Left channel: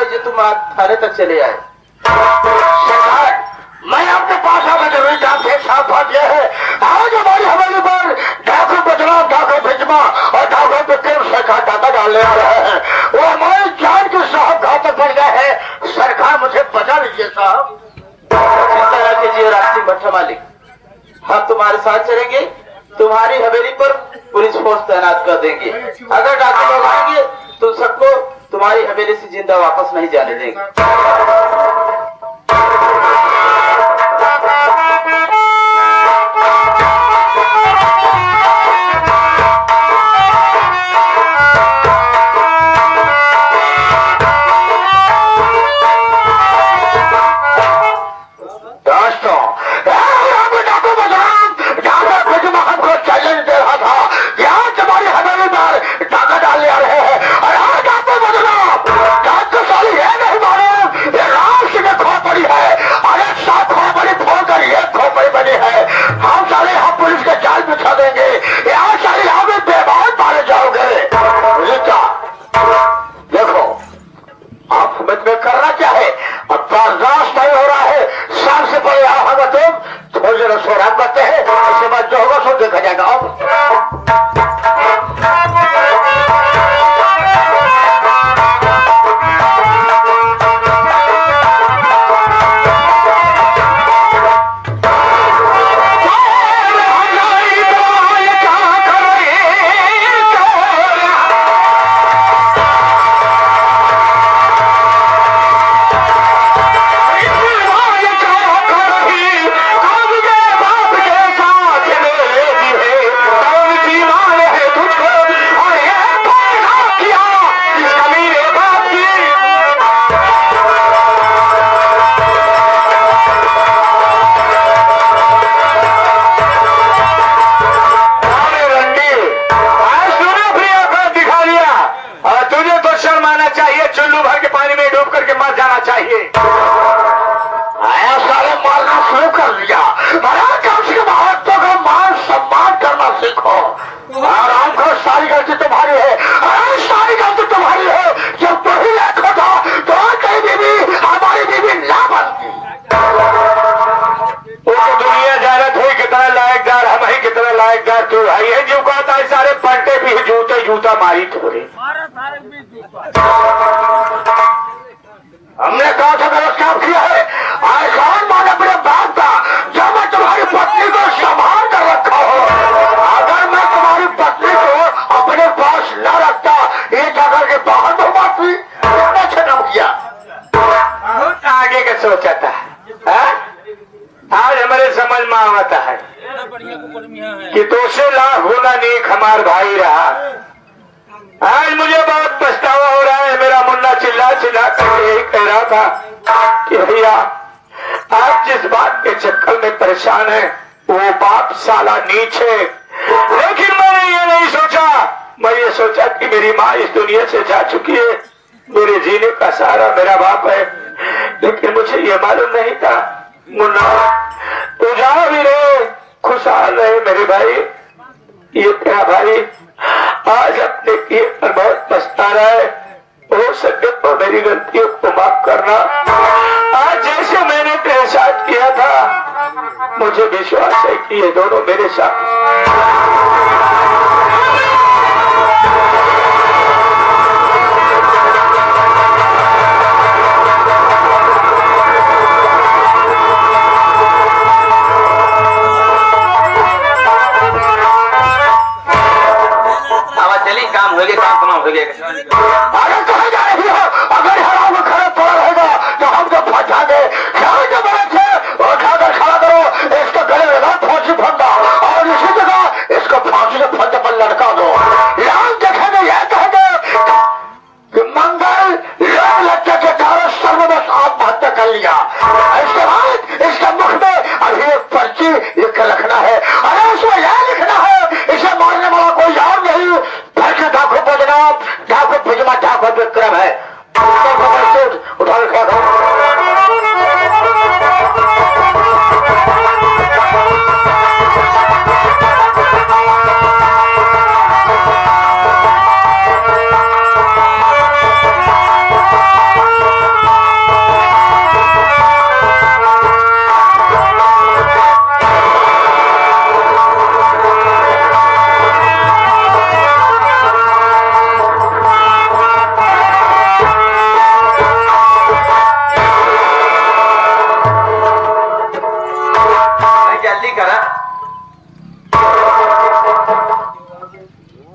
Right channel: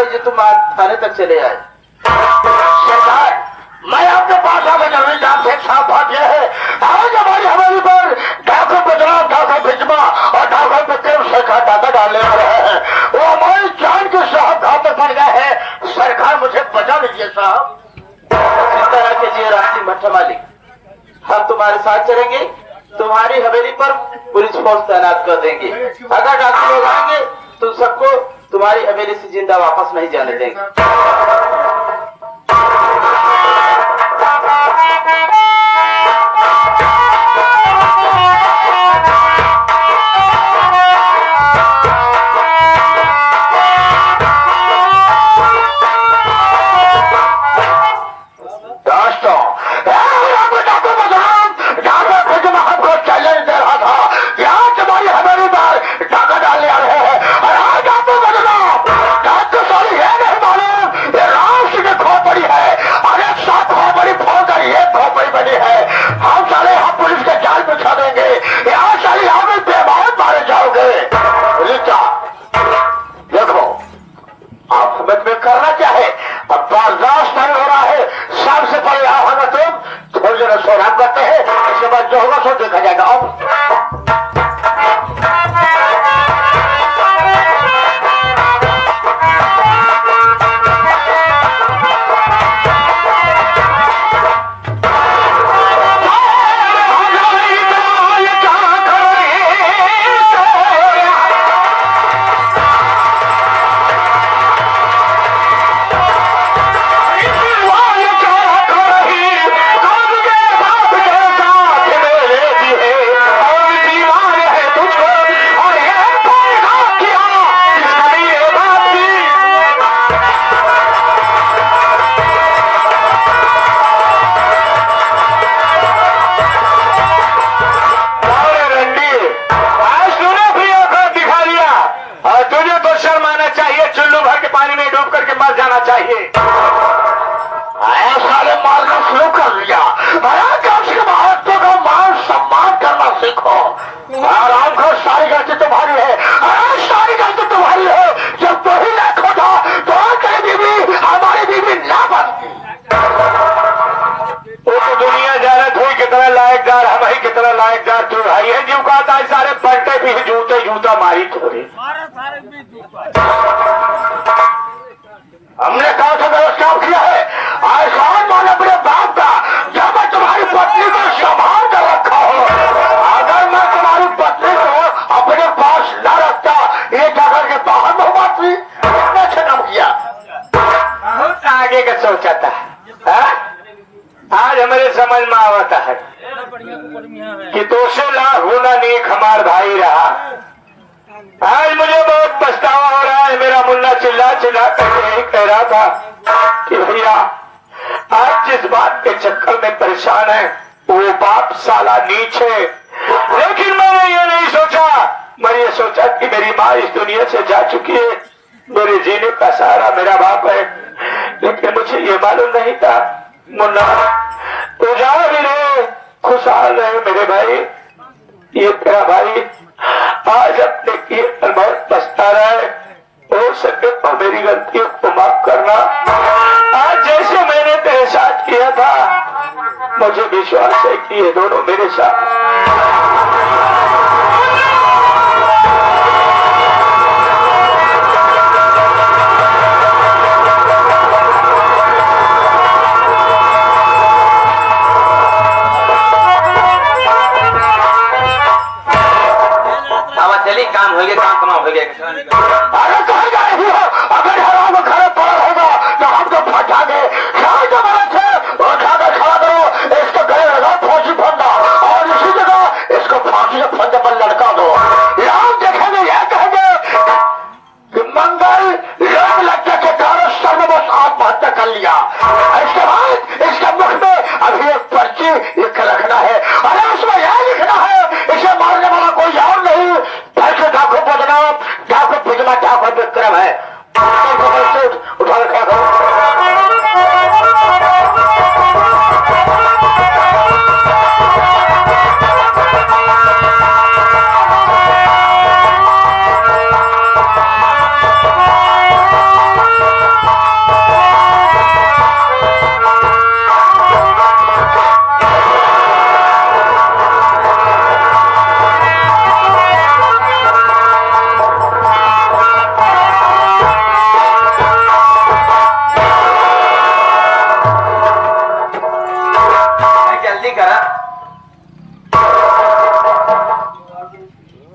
गई जो तुम आज थाने तक चले आए। सरकार, मैं आपके पास आकर जरूरी काम से साफ बात यह है, आज हमारी हवेली पर डाको बदनाम, डाको भिजमा और डाको विक्रम सरकार दादा डालने आ रहे हैं। वो हमारी जान के साहब गाँव तक बढ़ गए हैं। सरकार मुझे बचा लीजिए साहब। चिंता न कीजिए राष्ट्रीय भट्टा मालिक, हम तुम्हारे साथ चलेंगे। तुम्हारी हवेली पर पुलिस फोर्स तैनात कर देंगे। अगर डाकू लोग आएंगे तो सबको तुम्हारी हवेली से जिंदा वापस नहीं जाने देंगे। करना क्या है, अब बर्दाश्त नहीं हो रहा है। सबसे पहले आना तुम थोड़ी देर सोराब करते हैं, उसके बाद जो होगा सो देखा जाएगा। अब मर जाना चाहिए। सारे मारना शुरू कर दिया। कम से कम औरतों का मान सम्मान करना सीखो। आराम कर, सारी गलती तुम्हारी है। सारी गलती तुम्हारी है। जब तो ही लेखा था तो कई बीवी हमारी बीवी ना बनती। वो तो दुनिया जानत हुई कितना लायकदार, हम ही कितना लायकदार तू भाई है। जो कहता है सारे पंटे भी जूते जूता मारी थोड़ी। हमने कहा था मेरा काम किया है। मैंने अपने बाप था जब मैं तुम्हारी पत्नी को संभाल कर रखा हो। अगर मैं तुम्हारी पत्नी को अपने पास न रखता, ये जगह के बाहर में बात अच्छा काम किया। बहुत आगे का सोचा था। आज हमारे समझ में आता है कि 200 लाख गुना नेक हमार भाई रहा। आज मुझे बहुत पछतावा हो रहा है। मेरा मुन्ना चिल्ला चिल्ला कर यही कह रहा था कि भैया आप जिस बात के चक्कर में परेशान है वो बाप साला नीच है। लेकिन मैंने ये नहीं सोचा, मैं ये सोचा कि मेरी माँ इस दुनिया से जा चुकी है, मेरे जीने का सहारा मेरा बाप है। लेकिन मुझे ये मालूम नहीं था मुन्ना तो जहाँ भी रहे खुशहाल रहे मेरे भाई। ये तेरा भाई आज अपने किए पर बहुत पछता रहा है। हो सके तो मेरी गलतियों को माफ करना। आज जैसे मैंने तेरे साथ किया था, मुझे विश्वास है कि ये दोनों मेरे साथ। चलिए काम हो गया, काम तमाम हो गया। अगर कहा जाए अगर हराम खड़े पड़ा होगा तो हमको फटा दे। उठाकर खड़ा करो, इसका गले लगा फांसी फंदा और इसी जगह इसको फांसी के फंदे पर लटका दो। राम देखेंगे यह कहेंगे कि मंगल लोग लगता के कारण सबने बस आत्महत्या कर लिया। इसके बाद इसके मुख में अभी एक पर्ची लिख रखना है। अरे उसमें यह लिखना है इसे मारने वाला कोई और नहीं, डाको बदनाम, डाको भिजमा, डाको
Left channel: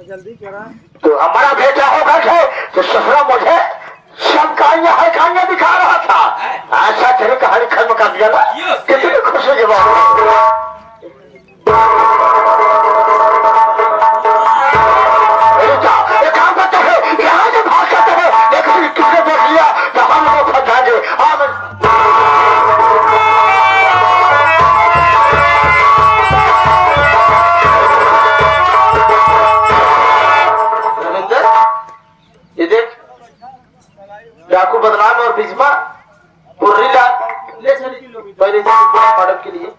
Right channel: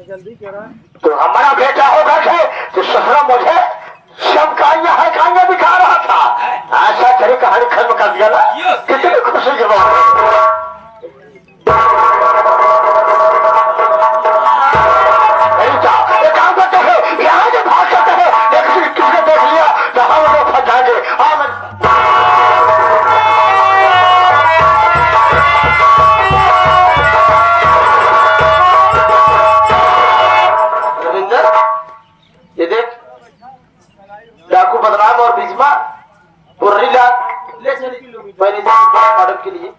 तो हमारा बेटा होगा तो ससुर मुझे सब कहानियां दिखा रहा था। ऐसा तेरी कहानी खत्म कर दिया ना, कितनी खुशी की बात है। काम करते हैं यहाँ से भाग सकते हैं, लेकिन तुमने देख लिया तो हम लोग फंस जाएंगे। रविंदर, ये देख डाकू बदनाम और बिजमा पुर्री ले चली पहले मैडम के लिए।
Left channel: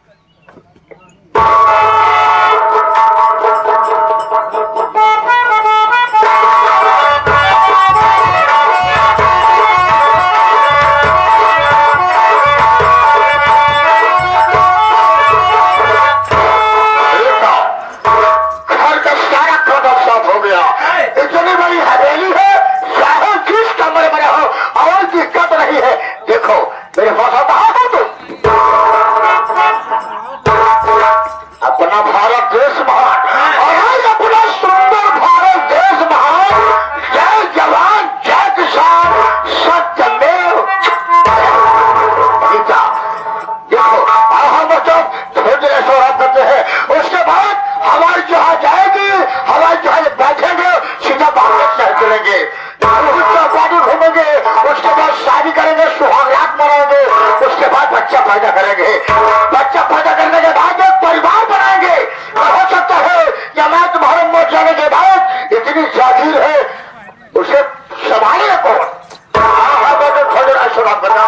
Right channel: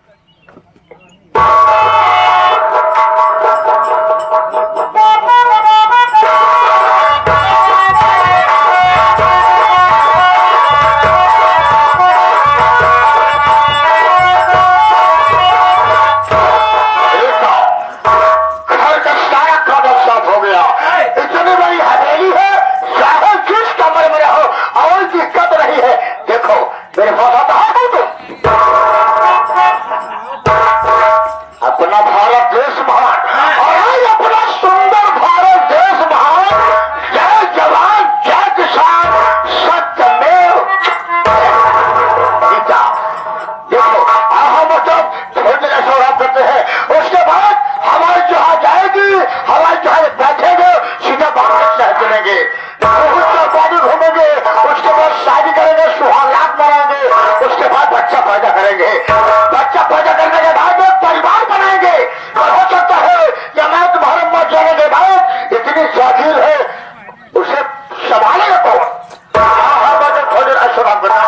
हो गया, इतनी बड़ी हवेली है, चाहे जिस कमरे में रहो और दिक्कत नहीं है। देखो मेरे पास आता तुम अपना भारत देश महान, और अपना सुंदर भारत देश महान। जय जवान जय किसान सत्यमेव। देखो अब हम मतलब थोड़ी देर ऐसा करते हैं, उसके बाद हवाई जहाज जाएगी, हवाई जहाज बैठेंगे, सीधा बांग्लादेश शहर करेंगे, पानी घूमेंगे, उसके बाद शादी करेंगे, सुहागरात मनाएंगे, उसके बाद बच्चा पैदा करेंगे। बच्चा पैदा करने के बाद एक परिवार बनाएंगे। हो सकता है कि मैं तुम्हारे मर जाने के बाद इतनी जागीर है उसे संभाले रखो। थोड़े ऐसा बात बना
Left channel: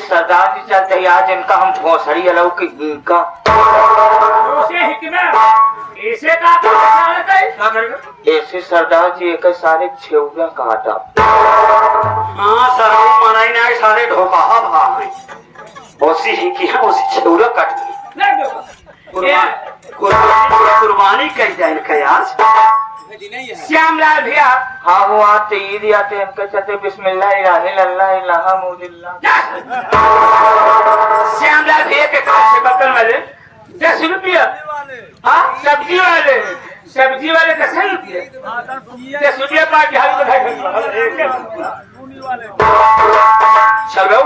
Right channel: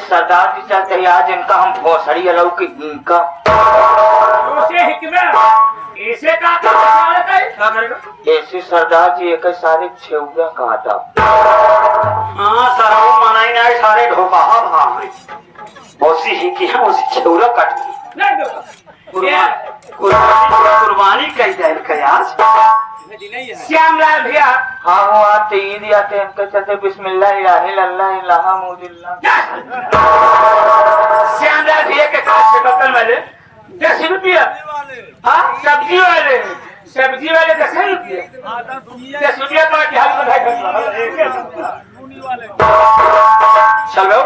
सरदार जी चलते ही आज इनका हम भोसड़ी अलौकिक का ऐसे ऐसे सरदार जी एक सारे छेउगा काटा। हाँ सराऊ मनाई ना सारे ढोका उसी ही की है, उसी छेउरा काट कुर्बानी कही जाए कयास श्यामलाल भैया। हाँ वो आते ईद आते इनके चलते बिस्मिल्लाह श्यामलाल भैया के बर्तन वाले 10 रुपया। हाँ सब्जी वाले 10 रुपया। 10 रुपया का चलो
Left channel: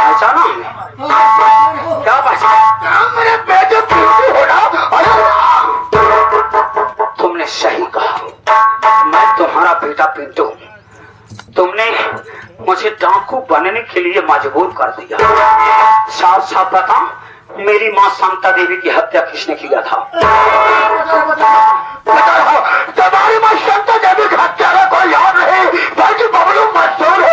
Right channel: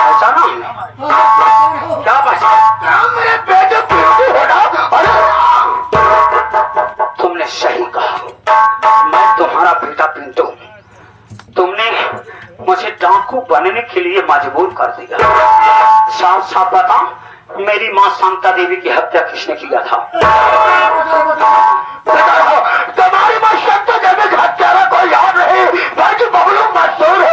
ऐसा क्या बात मेरे बेटे पीछे हो रहा। तुमने सही कहा, मैं तुम्हारा बेटा पिंटू। तुमने मुझे डाकू बनने के लिए मजबूर कर दिया। साफ साफ बता, मेरी माँ शांता देवी की हत्या किसने किया था? तुम्हारी माँ शांता देवी की हत्या को याद नहीं, बाकी बबलू मशहूर है।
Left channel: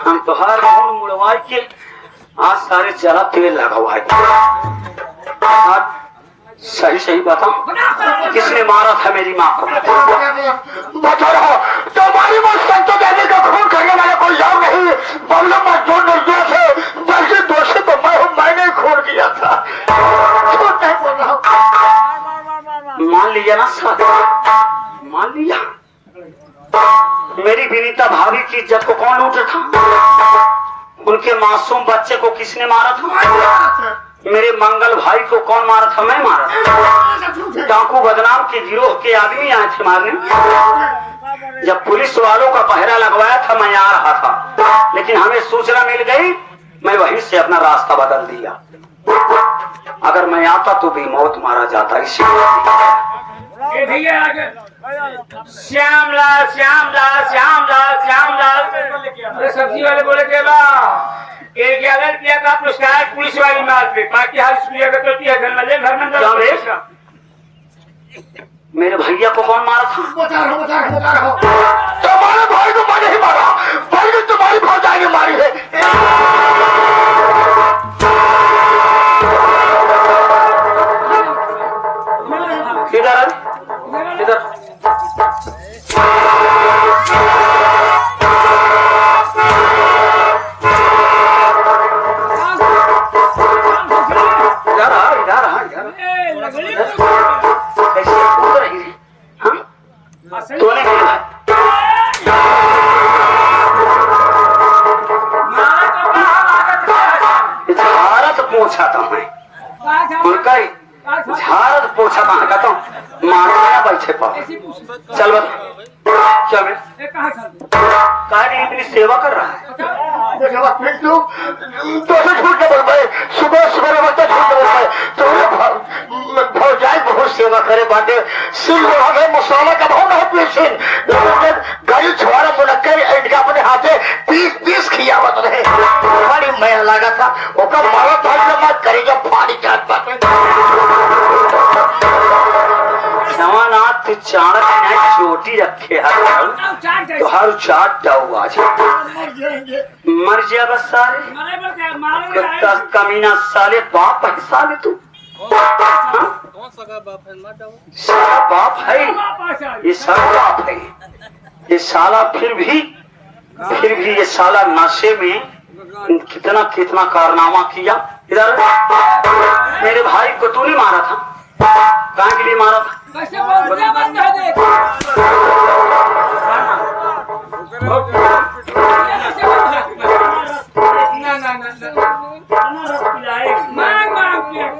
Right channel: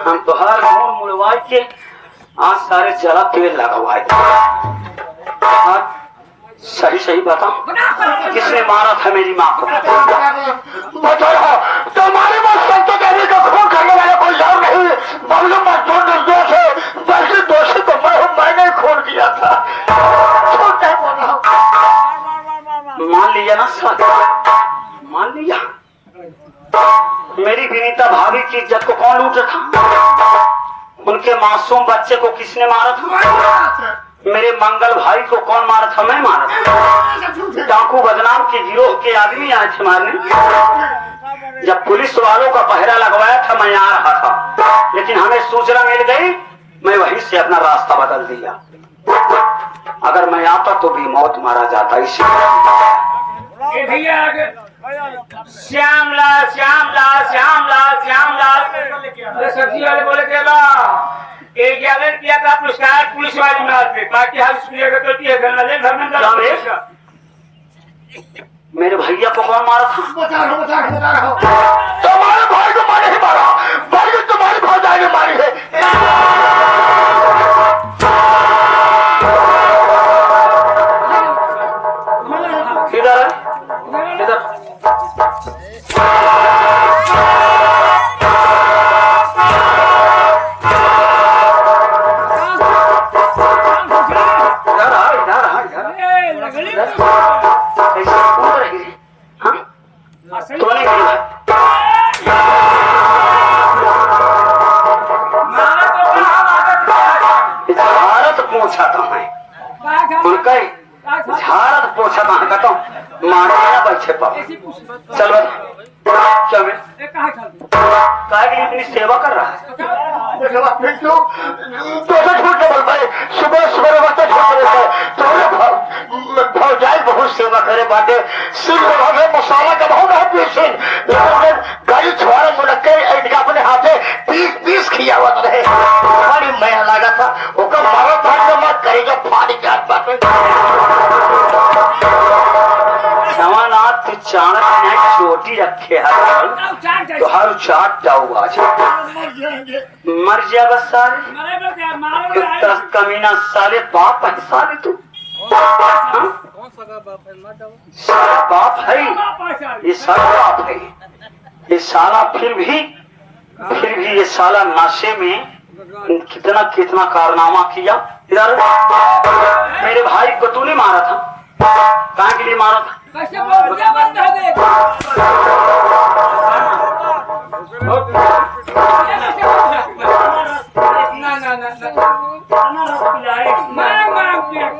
हम तो हर मोड़ मुड़वाई के आज सारे जला तेल लगा हुआ है। सही सही बताओ, किसने मारा था मेरी माँ को? बताओ, तुम्हारी माँ संतो देवी का खून करने वाले कोई और नहीं, बबलू मजदूर निर्दोष है। दोषी तो मैं हूँ, मैंने खून किया था। छोटा बोला ना साथ मान लिया। मेरी विनीता भाभी की इज्जत को कौन लूट था? उनके मासूम बच्चे को किसने मारा था? मेरे मंगल भाई को कौन मारा था? मैं मारा था। डाकू बदनाम के गिरोह के आदमी आए थे मारने। जब पुलिस वालों का पहरा लगवाया था मैं आ रहा था, लेकिन हमें सूचना मिल गई, मैं वहीं से अपना रास्ता बदल दिया। अगर मैं आता तो भी मौत मारा जाता। इसीलिए भैया श्यामलाल श्यामलाल श्यामलाल श्यामलाल अरे सब्जी वाले बोले थे ना एक अगर किया था पुरस्कार पुलिस वाली माल पे बाकी हाल स्कूल तो घर में मेरे भैया को कौन मारा था? बता रहा हूँ। तुम्हारे भाई को मारे ही मारा, भाई को तुम्हारी भौजाई ने मारी है। किधर इधर ऐसे कूद रही थी। हाँ तूने झारत पोछा था मैं उनका झारत पोछा कहाँ का तो मारना बैठे पर चल क्या मैं इतनी सेवा कर रहा है। सुबह भौजाई बहुत सेवा करे बाटे मसाला का बहुत है पीछे गाड़ी छुआरा मुनक्कर अपने हाथे पीस खियावत रहे। हमारी मैं लगा था ओका मारा भाग मत करेगा फाड़ी जात बाटे। जवानाथ तू चाणक ने चोटी रखे तो हर चाट हुआ मर जा बस साले कमीना साले बाप है साले तू साला बाप है ये साला बाप है ये साला फिर भी ये साला नशे में कितना कारनामा किया। इधर मेरे भाई को तूने मारा था, कहाँ के लिए मारा था?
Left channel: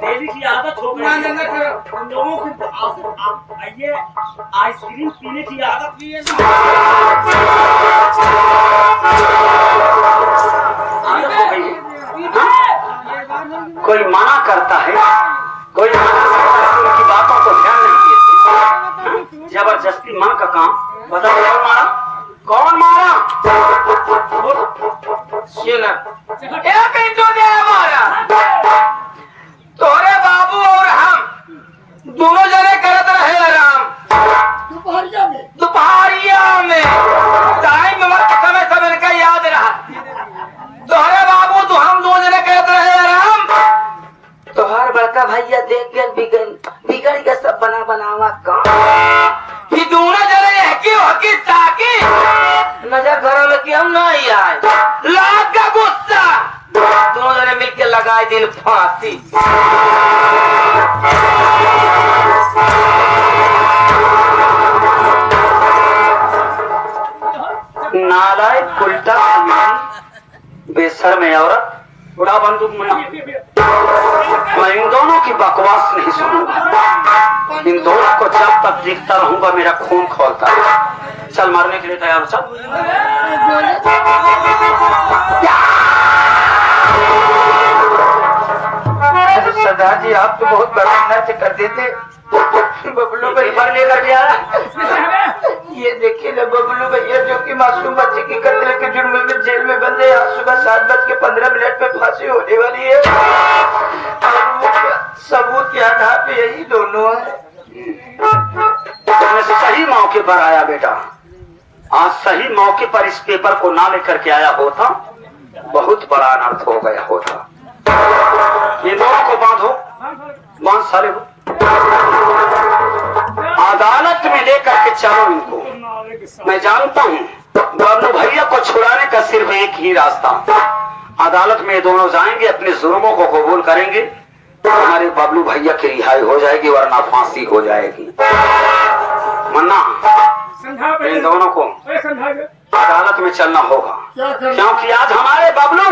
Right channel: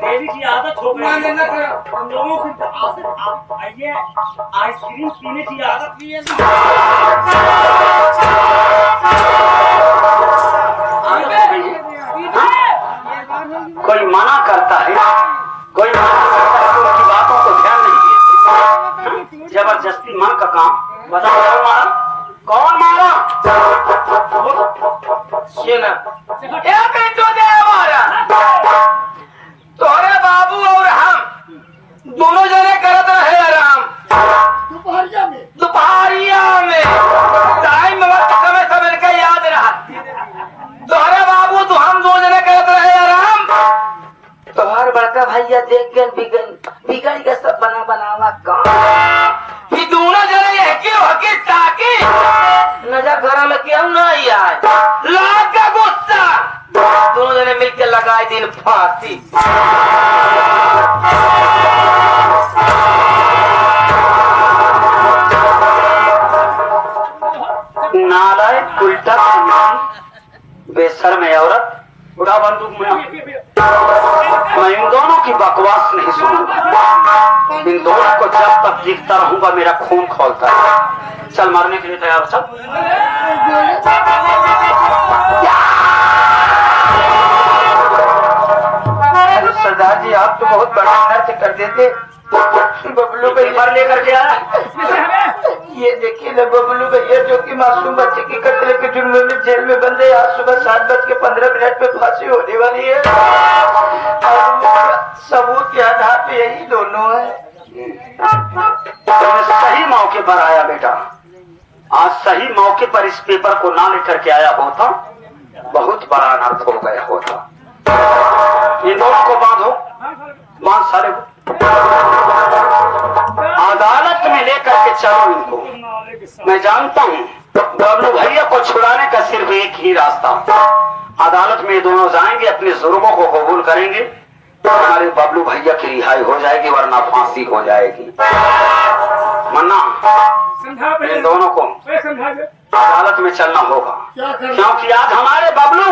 डेली की आदत हो गई हम लोगों की। आइए आइसक्रीम पीने की आदत भी है कोई मना करता है, कोई मना करता है तो उनकी बातों को ध्यान नहीं देते। जबरदस्ती माँ का काम बता कौन मारा? तोरे बाबू और हम दोनों जने करत रहे आराम दोपहरिया में टाइम समय समय का याद रहा। तोरे बाबू तो हम दो जने करत रहे आराम। तोहर बड़का भैया देख गए बिगड़ के सब बनावा काम ही दोनों जने हकी ताकि नजर घरों में क्यों नहीं आए। लाग का गुस्सा दोनों जने मिलकर लगाए दिन फांसी। नालायक उल्टा बेसर में औरत उड़ा बंदूक में मैं इन दोनों की बकवास नहीं सुनूंगा। इन दोनों को जब तक दिखता रहूंगा मेरा खून खोलता है। चल मारने के लिए तैयार हो सब। सरदार जी आप तो बहुत बड़ा से कर देते। बबलू भैया लेकर के आ ये देखिए ना बबलू भैया जो कि मासूम बच्चे की कत्ल के जुर्म में जेल में बंद है। आज सुबह 7:15 पे फांसी होने वाली है और सबूत के आधार पे यही दोनों है। सही मौके पर आया बेटा, आज सही मौके पर इस पेपर को ना लेकर के आया होता बहुत बड़ा अनर्थ हो गया होता। ये दोनों को बांध सारे हो अदालत में लेकर के चलो इनको। मैं जानता हूँ बबलू भैया को छुड़ाने का सिर्फ एक ही रास्ता, अदालत में दोनों जाएंगे अपने जुर्मों को कबूल करेंगे, हमारे बबलू भैया की रिहाई हो जाएगी वरना फांसी हो जाएगी। मन्ना समझा इन पहले दोनों को अरे समझा दे अदालत में चलना होगा, क्या करना? क्योंकि आज हमारे बबलू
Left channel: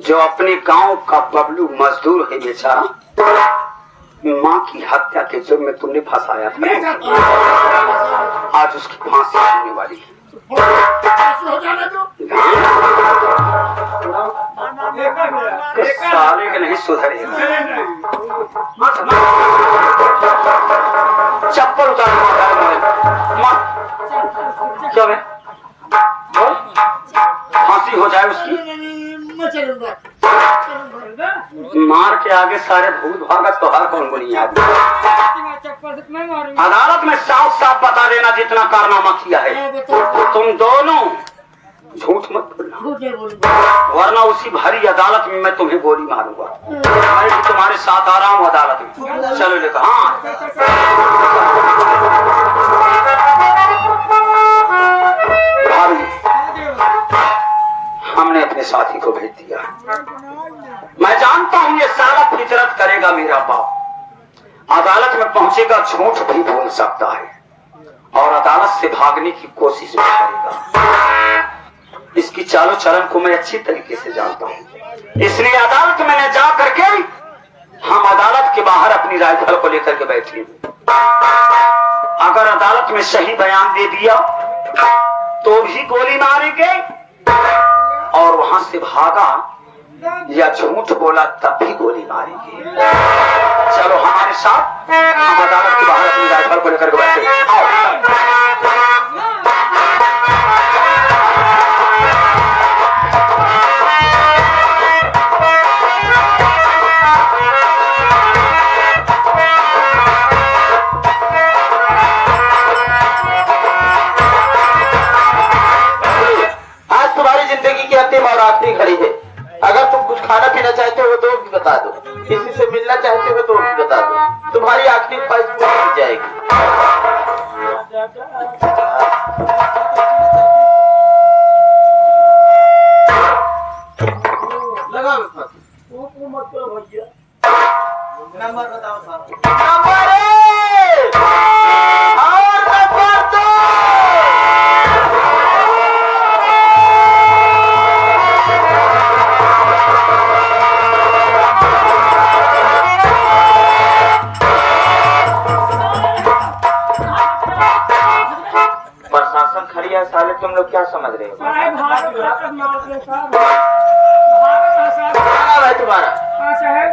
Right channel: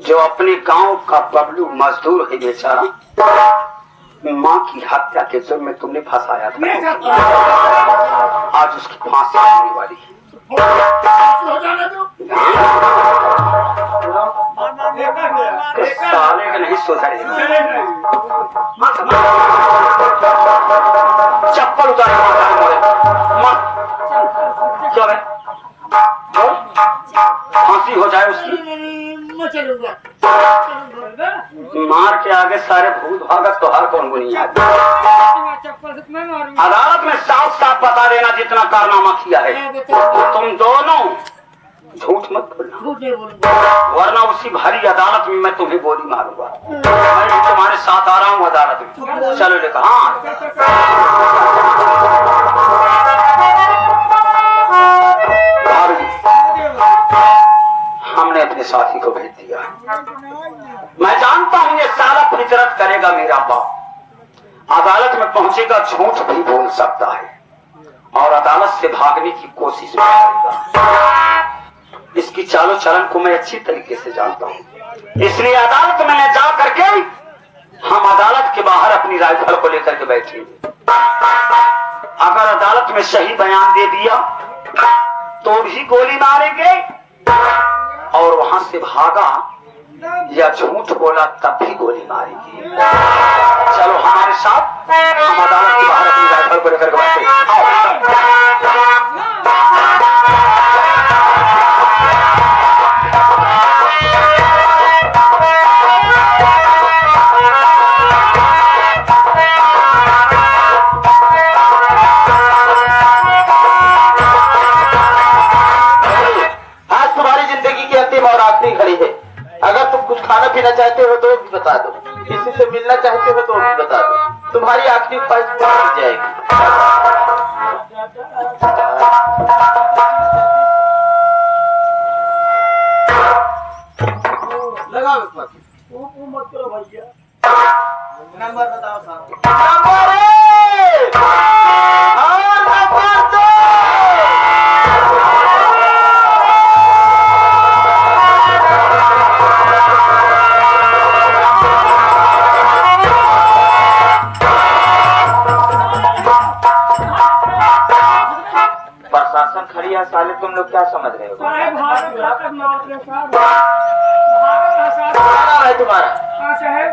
जो अपने गांव का बबलू मजदूर है बेचारा, माँ की हत्या के जुर्म में तुमने फंसाया नहीं था, साहब आज उसकी फांसी होने वाली है। हो जाने दो। इस साले के नहीं सुधरेगा। चप्पल उतार क्या है? फांसी हो जाए उसकी, मैं चलूंगा। मार के आगे सारे भूत भागत तो हर कौन बुनिया। चप्पल से मैं मारूंगा। अदालत में साफ साफ बता देना जितना कारनामा किया है, तुम दोनों झूठ मत बोलना, झूठ नहीं बोलूंगा। वरना उसी भारी अदालत में मैं तुम्हें गोली मारूंगा। मैं भी तुम्हारे साथ आ रहा हूँ अदालत में, चलो लेकर। हाँ भाभी, हमने अपने साथी को भेज दिया। मैं जानता हूँ ये सारा फितरत करेगा मेरा बाप, अदालत में पहुंचेगा झूठ भी बोल सकता है और अदालत से भागने की कोशिश भी करेगा। इसकी चालो चलन को मैं अच्छी तरीके से जानता हूँ, इसलिए अदालत में न जा करके हम अदालत के बाहर अपनी राइफल को लेकर के बैठे। अगर अदालत में सही बयान दे दिया तो भी गोली मारेंगे, और वहां से भागा या झूठ बोला तब भी गोली मारेंगे। चलो हमारे साथ, हम अदालत के बाहर अपनी राइफल को लेकर के बैठे। आज तुम्हारी जिंदगी की अंतिम और आखिरी घड़ी है। अगर तुम कुछ खाना पीना चाहते हो तो भी बता दो, किसी से मिलना चाहते हो तो भी बता दो, तुम्हारी आखिरी ख्वाहिश पूरी की जाएगी। लगा मत करो भैया। नंबर बताओ साहब। नंबर 1 और नंबर 2। प्रशासन खड़ी है साले, तुम लोग क्या समझ रहे हो? साहब भारत का मामला साहब, भारत का साहब। क्या नाम है तुम्हारा? हाँ साहब,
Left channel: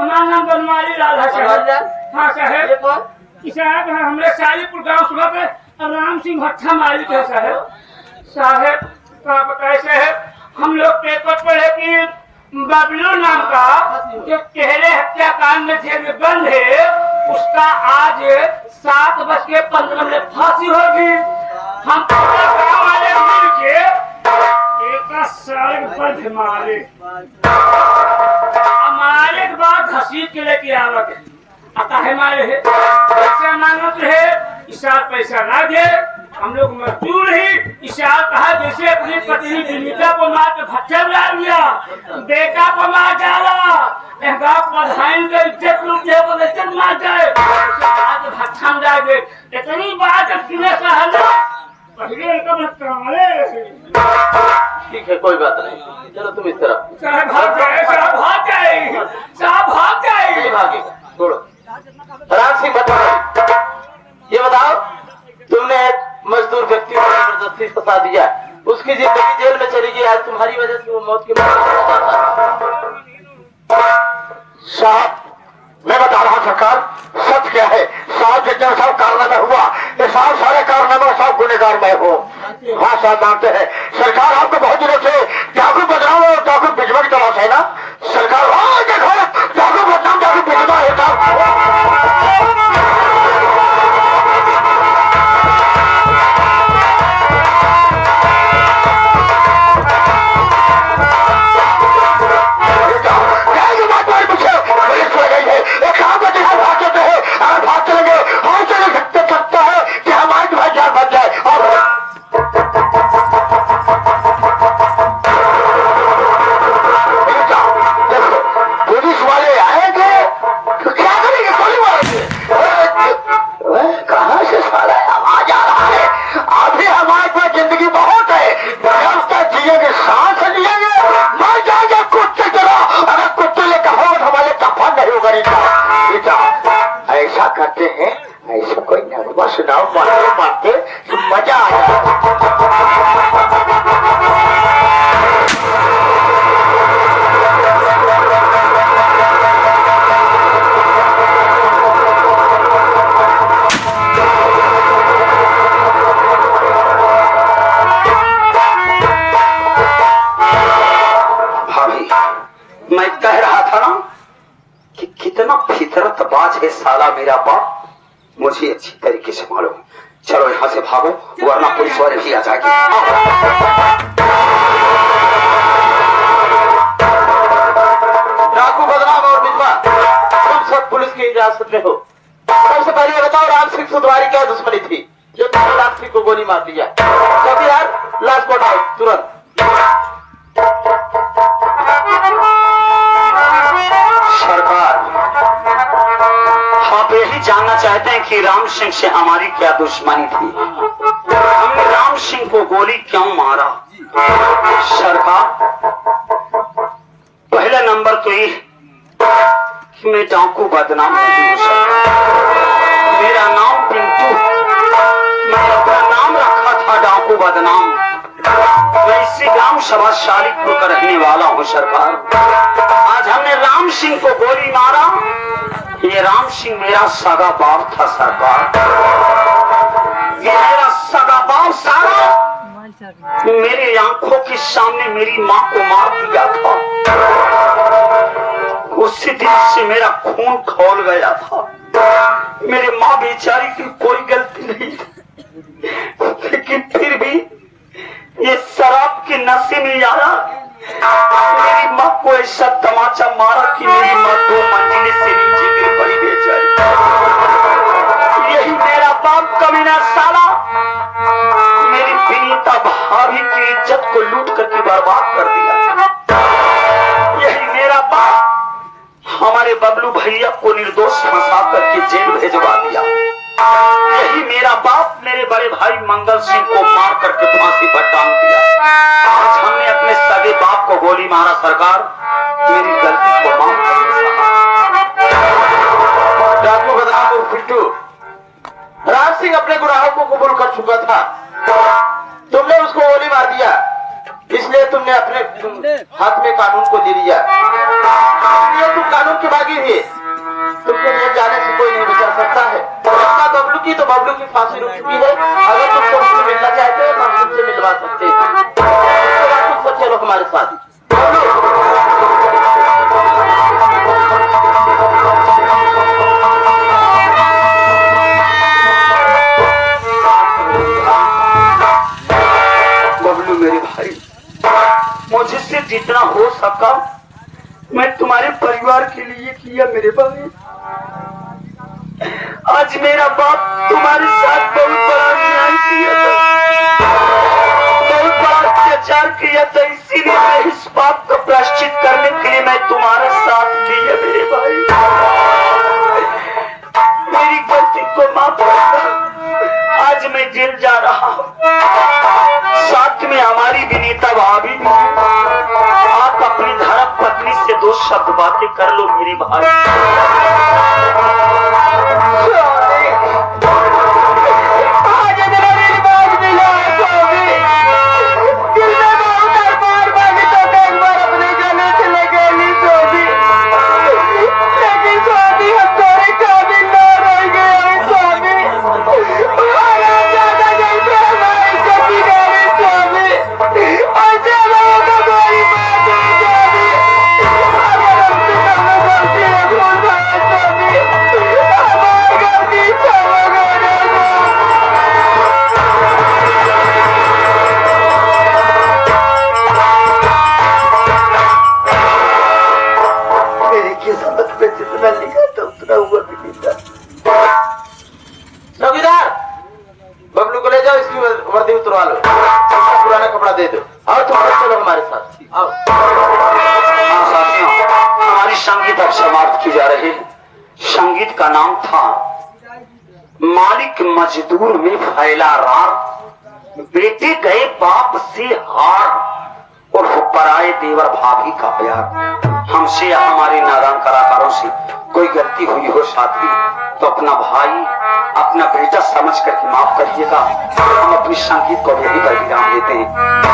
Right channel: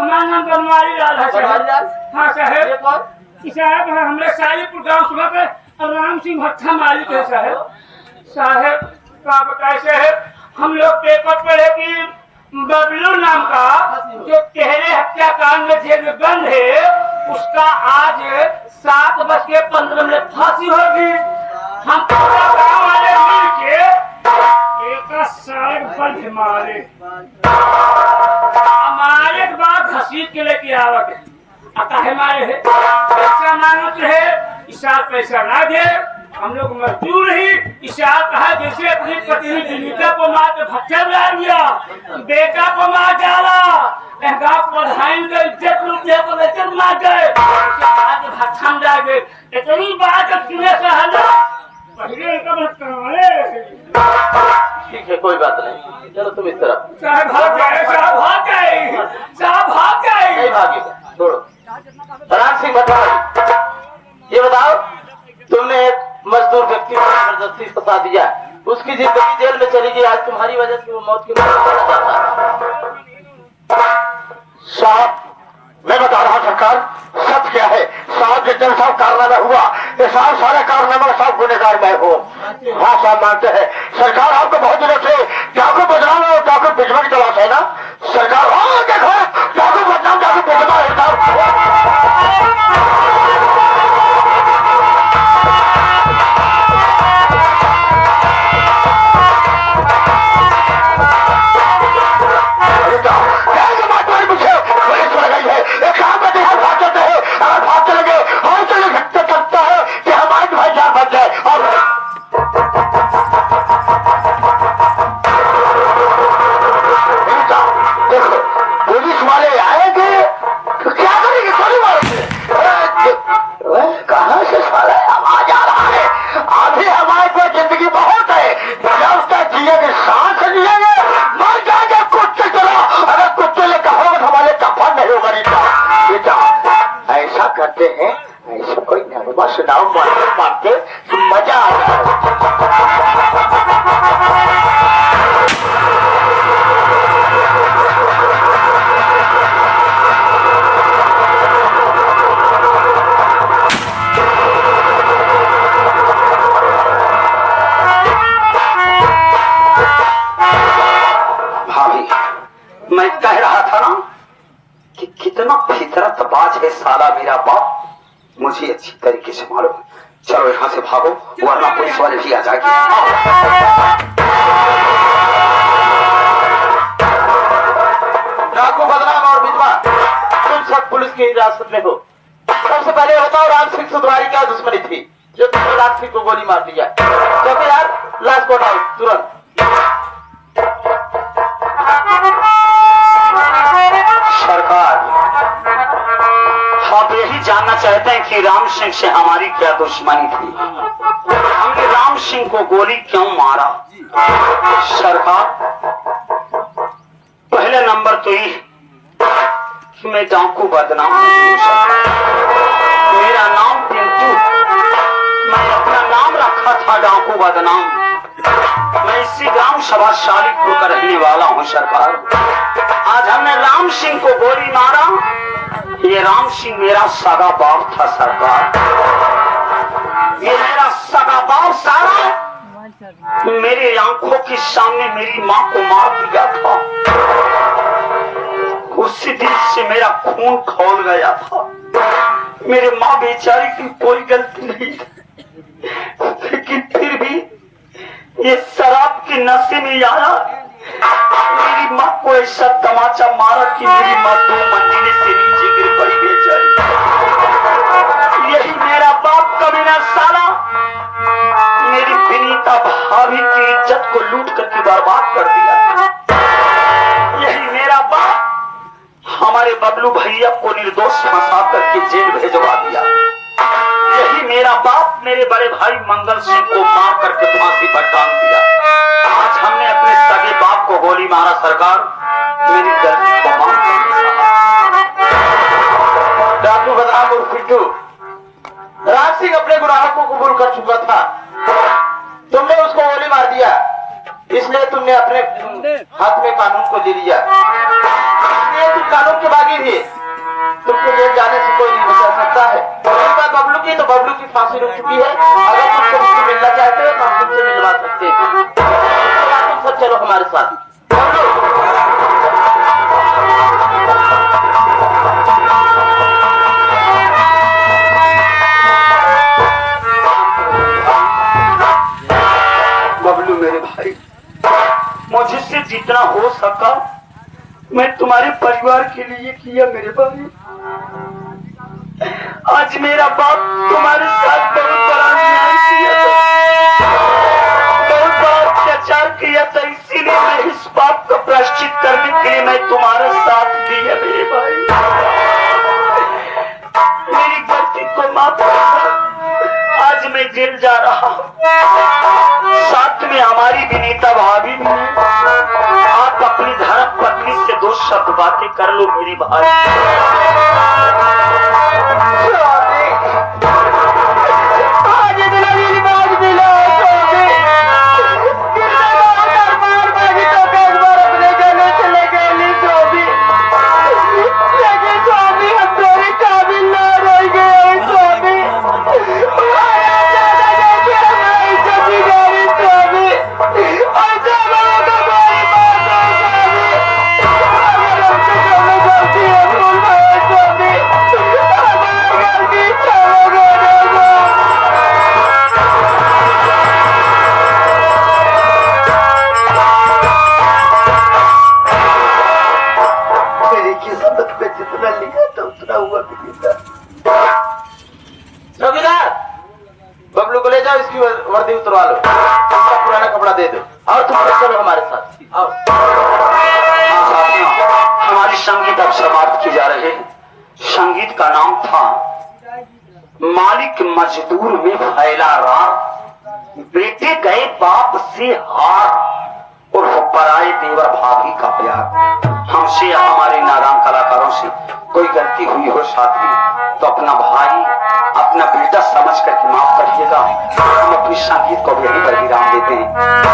हमारा नाम बनवारी लाल है साहब। हाँ साहब, साहब है हमरे सालीपुर गांव सुबह पे राम सिंह भट्टा मालिक है साहब। साहब क्या बताए साहब, हम लोग पेपर पढ़े कि बबलू नाम का जो पहले हत्याकांड में जेल में बंद है, उसका आज 7:15 फांसी होगी। हम पूरे गांव वाले मिल के एक सारे बंद मारे, हमारे के बाद घसीट के लेके आवत आता है। हमारे है पैसा मांगत है, इशार पैसा ना दे, हम लोग मजदूर ही। इशार कहा जैसे अपनी पत्नी विनीता को मार के भट्टा बना लिया, बेटा को मार डाला, गाँव प्रधान का इज्जत लूट दिया तो वैसे मार गए, भट्टा में जा गए। इतनी बात सुने सहना पहले उनका ठीक है, कोई बात नहीं, चलो तुम इस तरफ। साहब भाग गए, साहब भाग गए, साहब भाग नहीं गए। भागेगा, छोड़ो। राम सिंह भट्टा, ये बताओ, तुमने एक मजदूर व्यक्ति को जबरदस्ती फंसा दिया, उसकी जिंदगी जेल में चली गई, आज तुम्हारी वजह से वो मौत की साहब मैं बता रहा हूँ सरकार, सच क्या है साहब, जितने सब कारनामा हुआ ये साहब सारे कारनामा सब गुनेगार मैं हूँ। हाँ साहब मानते हैं सरकार, आपको बहुत दिनों से जाको बदनाम और जाको बिजवा की तलाश है ना सरकार। देखो जाको बदनाम जाको बिजवा है देखो करते हैं ऐसा कोई नगमा सुनाओ मारते मारते मजा आ जाए। भाभी मैं कह रहा था ना कि कितना फितरतबाज है साला मेरा बाप, मुझे अच्छी तरीके से मालूम है। चलो यहाँ से भागो वरना पुलिस वाले भी आ जाएंगे। डाकू बदनाम और विधवा तुम सब पुलिस की हिरासत में हो। सबसे पहले बताओ राम सिंह से तुम्हारी क्या दुश्मनी थी जो तुमने राम सिंह को गोली मार दिया? तो अभी यार लाश को उठाओ तुरंत। सरकार आप यही जानना चाहते हैं कि राम सिंह से हमारी क्या दुश्मनी थी, हमने राम सिंह को गोली क्यों मारा? सरकार पहले नंबर तो ये कि मैं डाकू बदनाम नहीं हूँ सरकार। मेरा नाम पिंटू, मैं अपना नाम रखा था डाकू बदनाम। मैं इसी गांव सभा शालीपुर का रहने वाला हूँ सरकार। आज हमने राम सिंह को गोली मारा, ये राम सिंह मेरा सगा बाप था सरकार। ये मेरा सगा बाप सारा मेरी आंखों के सामने मेरी माँ को मार दिया था। उसी दिन से मेरा खून खौल गया था। मेरे माँ बेचारी की कोई गलती नहीं थी, लेकिन फिर भी ये शराब के नशे में आया, मेरी माँ को ऐसा तमाचा मारा कि मेरी माँ 2 मंजिले से नीचे गिर पड़ी बेचारी। यही मेरा बाप कमीना साला मेरी विनीता भाभी की इज्जत को लूट करके बर्बाद कर दिया। यही मेरा बाप हमारे बबलू भैया को निर्दोष फंसा करके जेल भेजवा दिया। यही मेरा बाप मेरे बड़े भाई मंगल सिंह को मार करके फांसी पर टांग दिया। आज हमने अपने सगे बाप को गोली मारा सरकार, मेरी गलती को माफ करिए। डाकू बदनाम और पिंटू, राम सिंह अपने गुनाहों को कबूल कर चुका था। तुमने उसको गोली मार दिया, इसलिए तुमने अपने हाथ में कानून को ले लिया। तुम कानून की बागी थे, तुमको जेल जाने से कोई नहीं बचा सकता है। बबलू की तो बबलू की फांसी रुक चुकी है। अगर तुम सबसे मिलना चाहते हो तो हम तुमसे मिलवा सकते हैं। उसके बाद तुम सब चलो हमारे साथ। बबलू मेरे भाई, मुझसे जितना हो सका मैं तुम्हारे परिवार के लिए किया मेरे भाई। आज मेरा बाप तुम्हारे साथ बहुत बड़ा अन्याय किया था, बहुत बड़ा अत्याचार किया था, इसीलिए मैं इस बात को प्रायश्चित करने के लिए मैं तुम्हारा साथ दिया मेरे भाई। मेरी गलती को माफ करना। आज मैं जेल जा रहा हूँ, साथ में हमारी विनीता भाभी भी। आप अपनी धर्म पत्नी से 2 शब्द बातें कर लो मेरी भाई। चौकीदार, बबलू को ले जाओ, इसकी वर्दी उतरवा लो, इसका पुराना कपड़ा दे दो और तुम चलो हमारे साथ। आओ। साथियों, हमारी संगीत अब समाप्त की जा रही है। संगीत का नाम था मालिक मजदूर में फैला रार, बेटे गए बाप से हार और पराए देवर भाभी का प्यार। हमसे हमारे नादान कलाकारों हाथों से कोई गलती हुई हो साथी तो अपना भाई अपना बेटा समझ करके माफ करिएगा। हम अपनी संगीत को यहीं पर विराम देते हैं।